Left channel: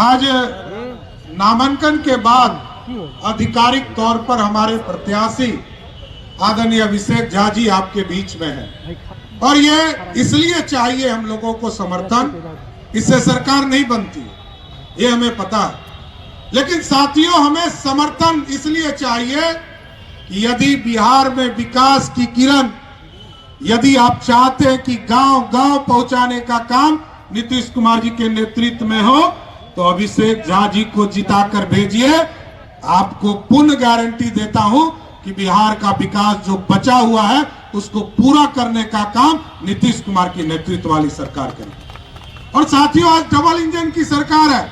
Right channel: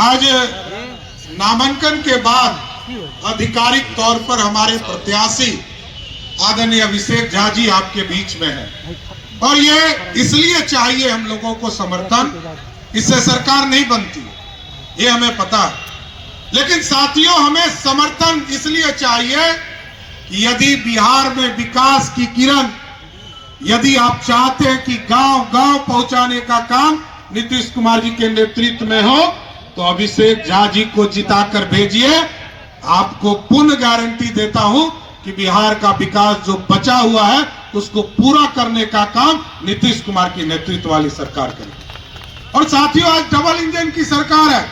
आज नामांकन के बाद आधिकारिक तौर पर हमारे प्रत्याशी आदरणीय अभिषेक झा जी आपके बीच में है और ये इसलिए चाहिए हम लोगों को समर्थन, इससे सरकार नहीं बनती, ये हमें पता है। लेकिन साथियों, हमें समर्थन इसलिए चाहिए कि यदि बिहार में विकास की किरण, यदि आप चाहते हैं कि गांव गांव पहुंचाने का काम नीतीश कुमार जी के नेतृत्व में हो, तो अभिषेक झा जी को जिताकर भेजिए। आपको पूर्ण गारंटी देता हूं कि बिहार का विकास जो बचा हुआ है उसको पूरा करने का काम नीतीश कुमार की नेतृत्व वाली सरकार करेगी। और साथियों, आज डबल इंजन की सरकार है।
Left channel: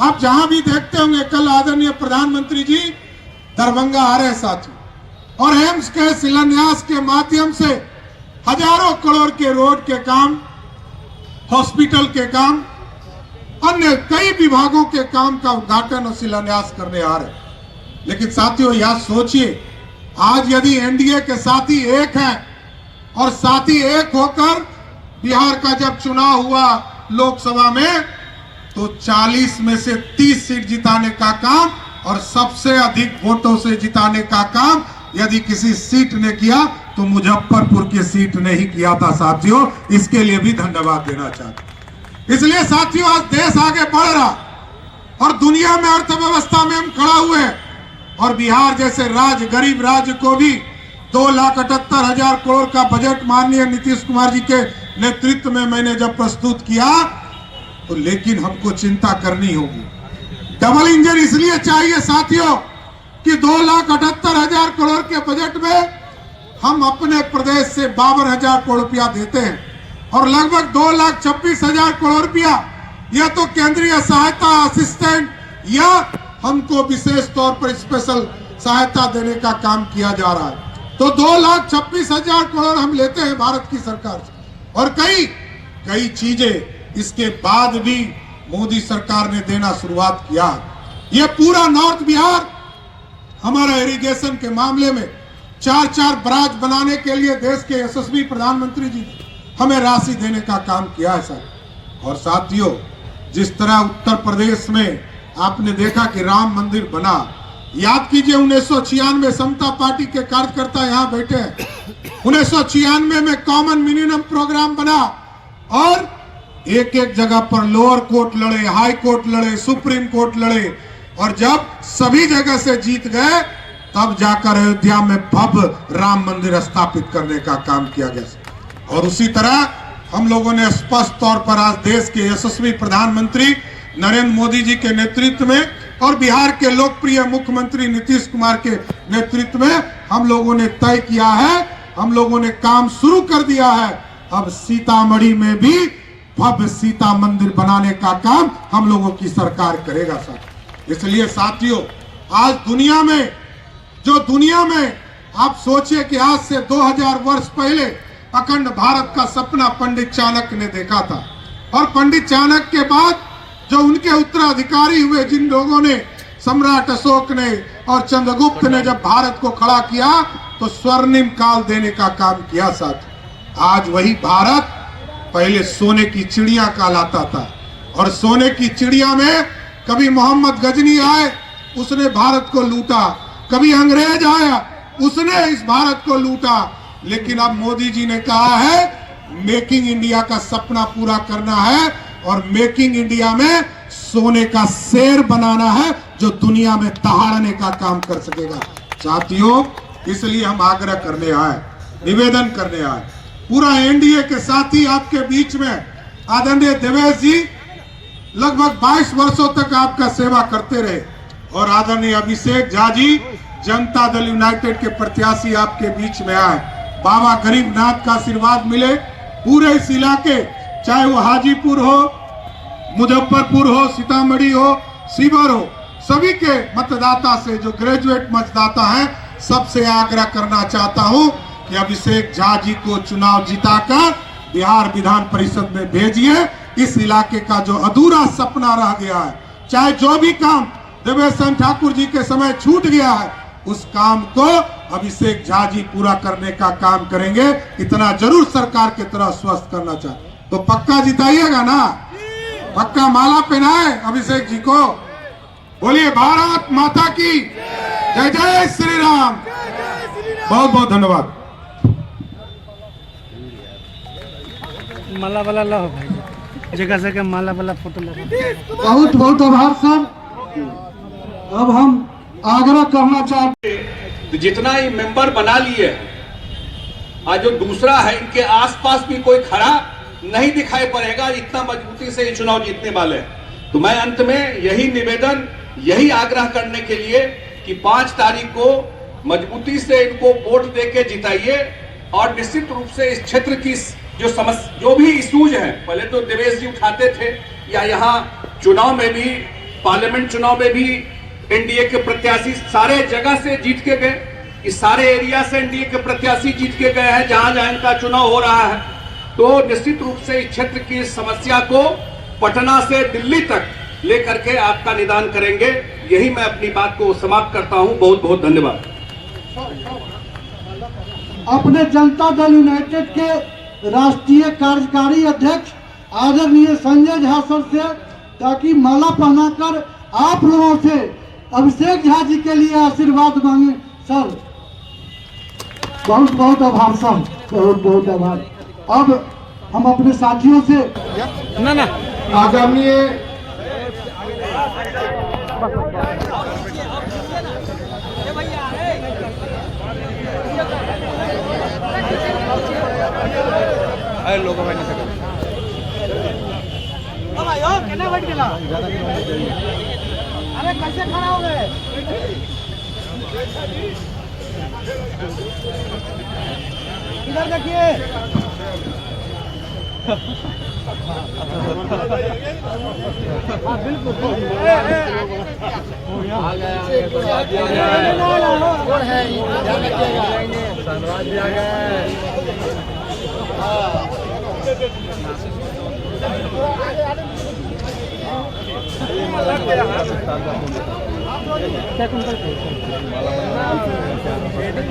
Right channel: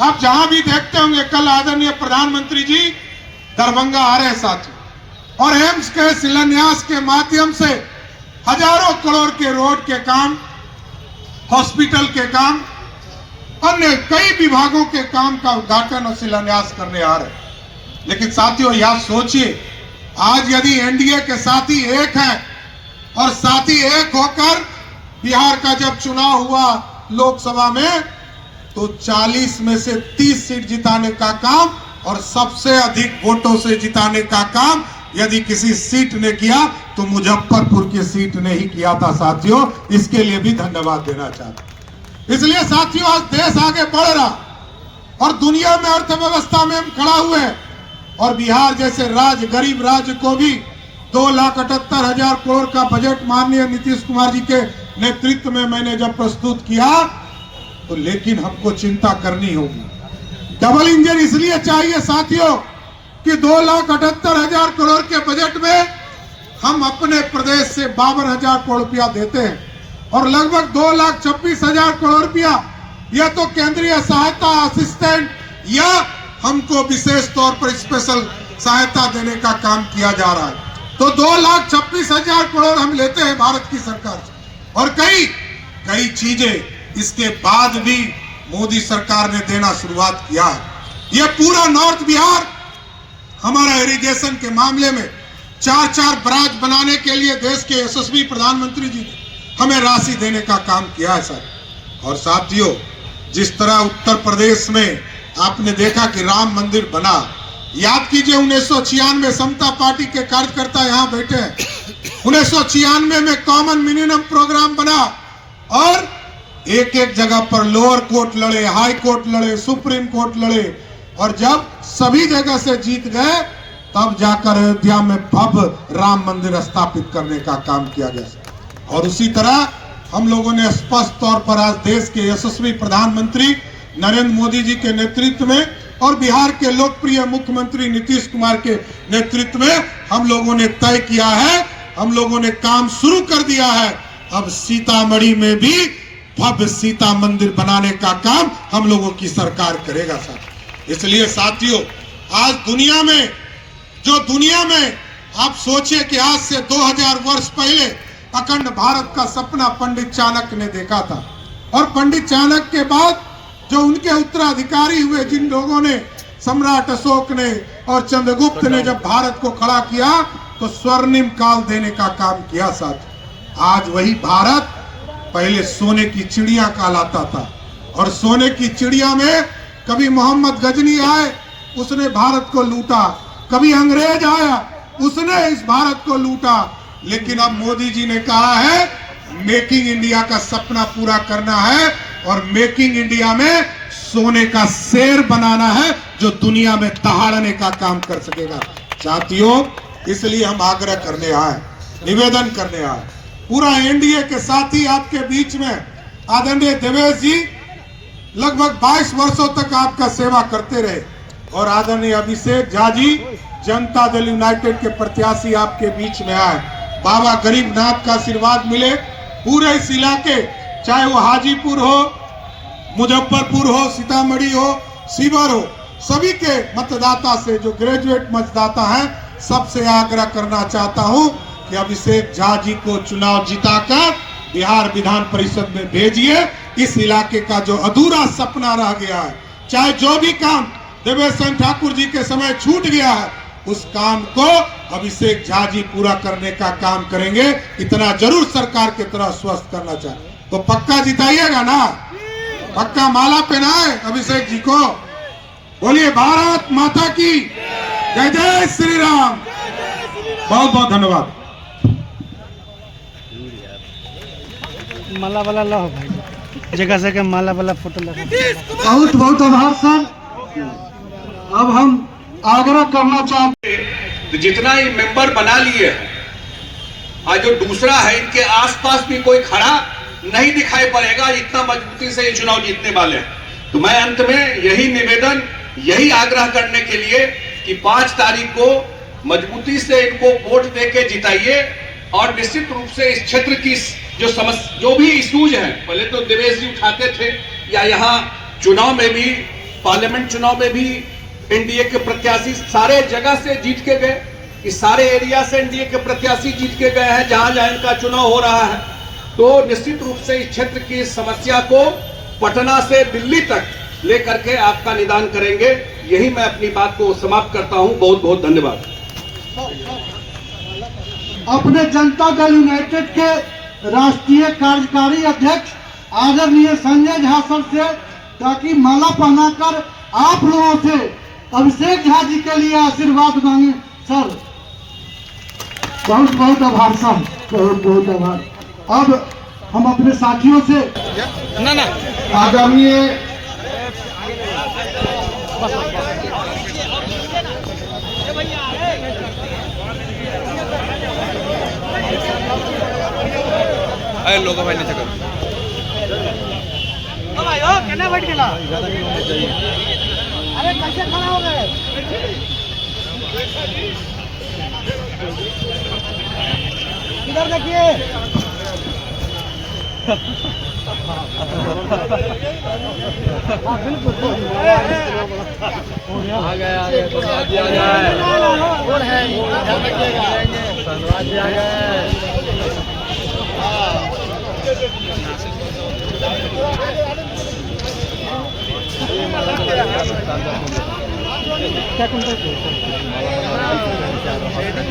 आप जहां भी देखते होंगे, कल आदरणीय प्रधानमंत्री जी दरभंगा आ रहे साथियों, और एम्स के शिलान्यास के माध्यम से हजारों करोड़ के रोड के काम, हॉस्पिटल के काम, अन्य कई विभागों के काम का उद्घाटन और शिलान्यास करने आ रहे। लेकिन साथियों, यह सोचिए, आज यदि एनडीए के साथी एक हैं और साथी एक होकर बिहार का जब चुनाव हुआ लोकसभा में, तो 40 में से 30 सीट जिताने का काम और सबसे अधिक वोटों से जिताने का काम यदि किसी सीट ने किया तो मुजफ्फरपुर की सीट ने ही किया था साथियों। इसके लिए भी धन्यवाद देना चाहते। इसलिए साथियों, आज देश आगे बढ़ रहा और दुनिया में अर्थव्यवस्था में हम खड़ा हुए हैं, और बिहार जैसे राज्य, गरीब राज्य को भी 2,78,000 करोड़ का बजट माननीय नीतीश कुमार जी के नेतृत्व में मैंने जब प्रस्तुत किया, तो लेकिन हमको चिंता करनी होगी। डबल इंजन इसलिए चाहिए साथियों कि 2,78,000 करोड़ के बजट में हम अपने प्रदेश से 52,000 करोड़ रुपया देते हैं, और लगभग 2,26,000 करोड़ रुपया यह तो केंद्रीय सहायता असिस्टेंट या हमको विशेष तौर पर स्पेशल सहायता देने का काम किया जा रहा है। तो 2,26,000 करोड़ हम लेते हैं भारत की सरकार से, और कई चीजें इसके बाद भी मोदी सरकार ने देना शुरुआत किया है। यह पूरा नॉर्थ बिहार हमारा इरिगेशन के मामले में 4 बराज बनाने के लिए देश के यशस्वी प्रधानमंत्री जी ने हमें राशि देने का काम किया है सर। और साथियों, जिस तरह उत्तर प्रदेश में आपने देखा कि राम मंदिर बना, याद कीजिए 1996 समता पार्टी के कार्यकर्ता यहाँ बैठे हैं, 1996 में कॉमन मिनिमम प्रोग्राम बना और एक जगह पर लोअर कोर्ट लड़े, हाई कोर्ट लड़े, सुप्रीम कोर्ट लड़े, और जब सभी जगह से जीत गए तब जाकर अयोध्या में भव्य राम मंदिर स्थापित करने का काम किया गया। और उसी तरह हम लोगों ने स्पष्ट तौर पर आज देश के यशस्वी प्रधानमंत्री नरेंद्र मोदी जी के नेतृत्व में और बिहार के लोकप्रिय मुख्यमंत्री नीतीश कुमार के नेतृत्व में हम लोगों ने तय किया है, हम लोगों ने काम शुरू कर दिया है। अब सीतामढ़ी में भी भव्य सीता मंदिर बनाने का काम हम लोगों की सरकार करेगा सर। इसलिए साथियों, आज दुनिया में आप सोचिए कि आज से 2000 वर्ष पहले अखंड भारत का सपना पंडित चाणक्य ने देखा था, और पंडित चाणक्य के बाद जो उनके उत्तराधिकारी हुए, जिन लोगों ने, सम्राट अशोक ने और चंद्रगुप्त ने जब भारत को खड़ा किया तो स्वर्णिम काल देने का काम किया साथ। आज वही भारत पहले सोने की चिड़िया कहलाता था, और सोने की चिड़िया में कभी मोहम्मद गजनी आए, उसने भारत को लूटा, कभी अंग्रेज आया, उसने इस भारत को लूटा। लेकिन अब मोदी जी ने कहा है मेकिंग इंडिया का सपना पूरा करना है, और मेकिंग इंडिया में सोने का शेर बनाना है जो दुनिया में दहाड़ने का काम कर सकेगा साथियों। इसलिए हम आग्रह करने आए, निवेदन करने आए, पूरा एनडीए के साथी आपके बीच में आदरणीय देवेश जी लगभग 22 वर्षों तक आपका सेवा करते रहे, और आदरणीय अभिषेक झा जी जनता दल यूनाइटेड के प्रत्याशी आपके बीच में आए। बाबा गरीबनाथ का आशीर्वाद मिले पूरे इस इलाके, चाहे वो हाजीपुर हो, मुजफ्फरपुर हो, सीतामढ़ी हो, शिवहर हो, सभी के मतदाता से, जो ग्रेजुएट मतदाता हैं, सबसे आग्रह करना चाहता हूं कि अभिषेक झा जी को चुनाव जिताकर बिहार विधान परिषद में भेजिए। इस इलाके का जो अधूरा सपना रह गया है, चाहे जो भी काम देवेश चंद्र ठाकुर जी के समय छूट गया है, उस काम को अभिषेक झा जी पूरा करने का काम करेंगे। इतना जरूर सरकार की तरह स्वस्थ करना चाहिए। तो पक्का जिताइएगा ना? पक्का माला पहनाए अभिषेक जी को। बोलिए भारत माता की जय। जय श्री राम। बहुत बहुत धन्यवाद। माला वाला लो भाई, जगह जगह माला वाला फोटो लगा। बहुत बहुत आभार सर। अब हम आग्रह करना चाहते तो जितना ही मेंबर बना लिए आज जो दूसरा है इनके आसपास भी कोई खड़ा नहीं दिखाई पड़ेगा, इतना मजबूती से ये चुनाव जीतने वाले हैं। तो मैं अंत में यही निवेदन, यही आग्रह करने के लिए कि 5 तारीख को मजबूती से इनको वोट देके जिताइए और निश्चित रूप से इस क्षेत्र की जो भी इश्यूज हैं, पहले तो देवेश जी उठाते थे, या यहाँ चुनाव में भी, पार्लियामेंट चुनाव में भी एनडीए के प्रत्याशी सारे जगह से जीत के गए, इस सारे एरिया से एनडीए के प्रत्याशी जीत के गए हैं जहां जहां इनका चुनाव हो रहा है। तो निश्चित रूप से इस क्षेत्र की समस्या को पटना से दिल्ली तक लेकर के आपका निदान करेंगे। यही मैं अपनी बात को समाप्त करता हूं। बहुत बहुत धन्यवाद। अपने जनता दल यूनाइटेड के राष्ट्रीय कार्यकारी अध्यक्ष आदरणीय संजय झा सर से, ताकि माला पहनाकर आप लोगों से अभिषेक झा जी के लिए आशीर्वाद मांगे। सर बहुत बहुत आभार सर, बहुत बहुत आभार। अब हम अपने साथियों से आदरणीय लोग भाई नीचे करो। अरे कैसे खड़ा हो गए? इधर देखिए। हाँ बिल्कुल।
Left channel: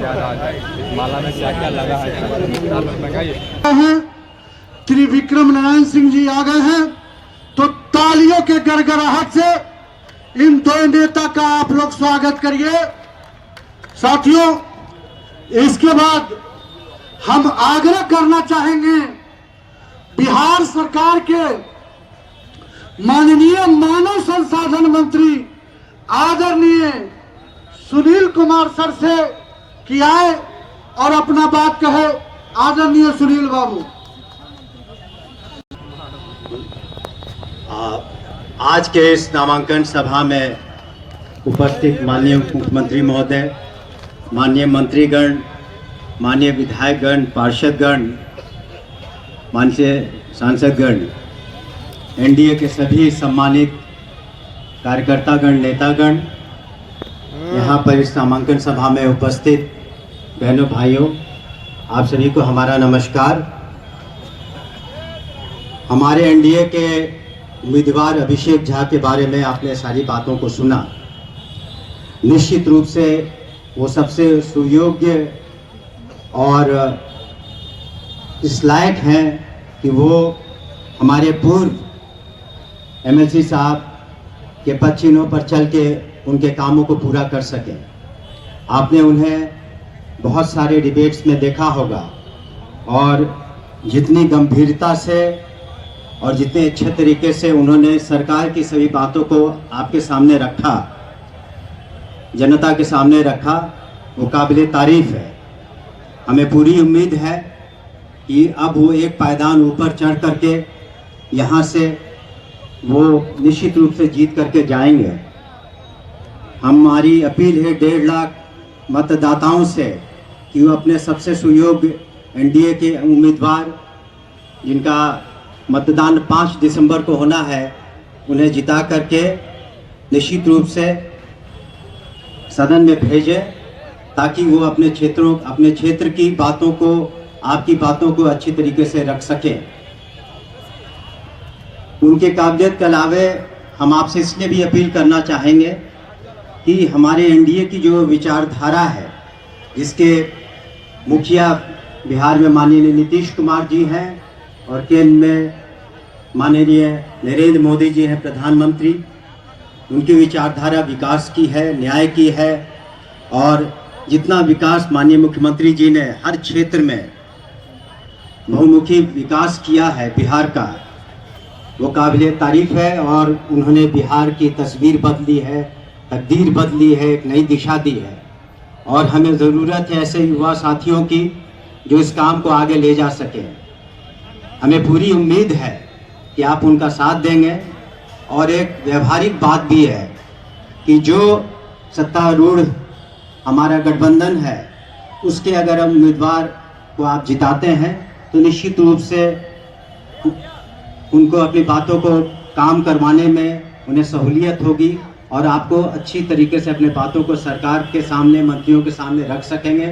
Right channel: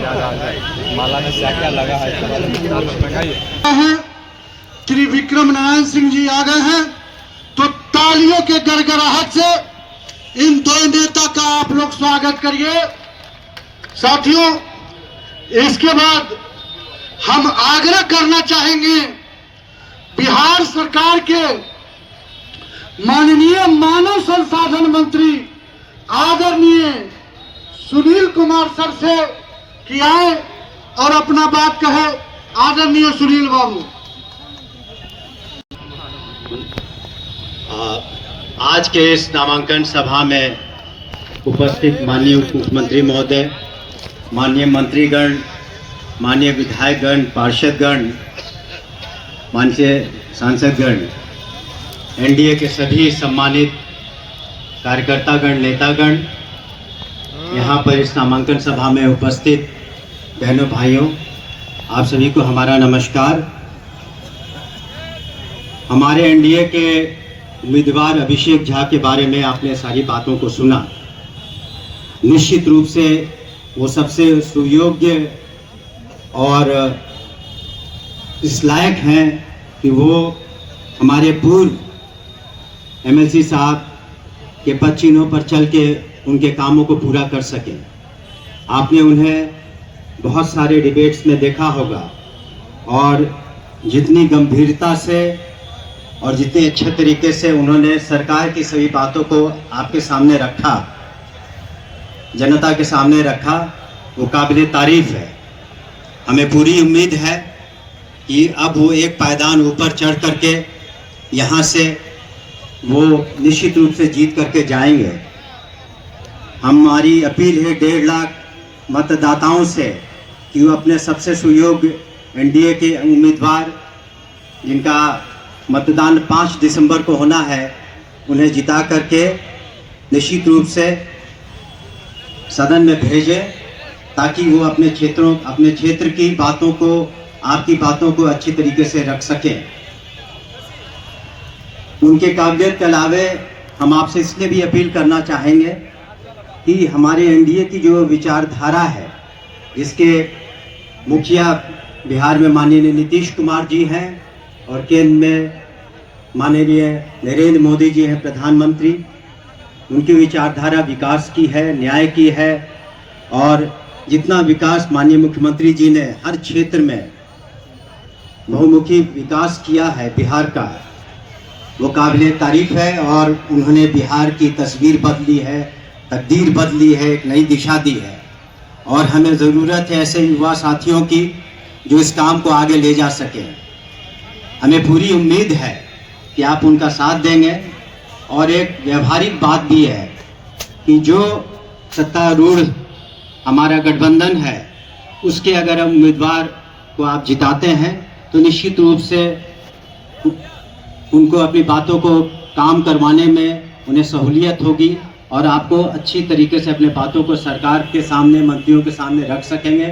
आ माला में क्या क्या लगा है? त्रिविक्रम नारायण सिंह जी आ गए हैं, तो तालियों के गड़गड़ाहट से इन दो नेता का आप लोग स्वागत करिए। साथियों, इसके बाद हम आग्रह करना चाहेंगे बिहार सरकार के माननीय मानव संसाधन मंत्री आदरणीय सुनील कुमार सर से कि आए और अपना बात कहे। आदरणीय सुनील बाबू। आज के इस नामांकन सभा में उपस्थित माननीय मुख्यमंत्री महोदय, माननीय मंत्रीगण, माननीय विधायकगण, पार्षदगण, माननीय सांसदगण, एनडीए के सभी सम्मानित कार्यकर्तागण, नेतागण, यहाँ पर इस नामांकन सभा में उपस्थित बहनों भाइयों, आप सभी को हमारा नमस्कार। हमारे एनडीए के उम्मीदवार अभिषेक झा के बारे में आपने सारी बातों को सुना। निश्चित रूप से वो सबसे सुयोग्य और इस लायक हैं कि वो हमारे पूर्व एमएलसी साहब के पद चिन्हों पर चल के उनके कामों को पूरा कर सकें। आपने उन्हें बहुत सारे डिबेट्स में देखा होगा और जितनी गंभीरता से और जितने अच्छे तरीके से उन्होंने सरकार की सभी बातों को आपके सामने रखा, जनता के सामने रखा, वो काबिल तारीफ है। हमें पूरी उम्मीद है कि अब वो एक पायदान ऊपर चढ़ करके यहाँ से वो निश्चित रूप से जीत करके जाएंगे। हमारी अपील है 1.5 लाख मतदाताओं से कि वो अपने सबसे सुयोग्य एनडीए के उम्मीदवार जिनका मतदान 5 दिसंबर को होना है, उन्हें जिता करके निश्चित रूप से सदन में भेजें, ताकि वो अपने क्षेत्र की बातों को, आपकी बातों को अच्छी तरीके से रख सकें। उनके काबिलियत के अलावे हम आपसे इसलिए भी अपील करना चाहेंगे कि हमारे एनडीए की जो विचारधारा है, जिसके मुखिया बिहार में माननीय नीतीश कुमार जी हैं और केंद्र में माननीय नरेंद्र मोदी जी हैं प्रधानमंत्री, उनकी विचारधारा विकास की है, न्याय की है, और जितना विकास माननीय मुख्यमंत्री जी ने हर क्षेत्र में बहुमुखी विकास किया है बिहार का, वो काबिल तारीफ है। और उन्होंने बिहार की तस्वीर बदली है, तकदीर बदली है, एक नई दिशा दी है। और हमें ज़रूरत है ऐसे युवा साथियों की जो इस काम को आगे ले जा सके। हमें पूरी उम्मीद है कि आप उनका साथ देंगे। और एक व्यवहारिक बात भी है कि जो सत्तारूढ़ हमारा गठबंधन है, उसके अगर हम उम्मीदवार को आप जिताते हैं तो निश्चित रूप से उनको अपनी बातों को काम करवाने में उन्हें सहूलियत होगी और आपको अच्छी तरीके से अपने बातों को सरकार के सामने, मंत्रियों के सामने रख सकेंगे।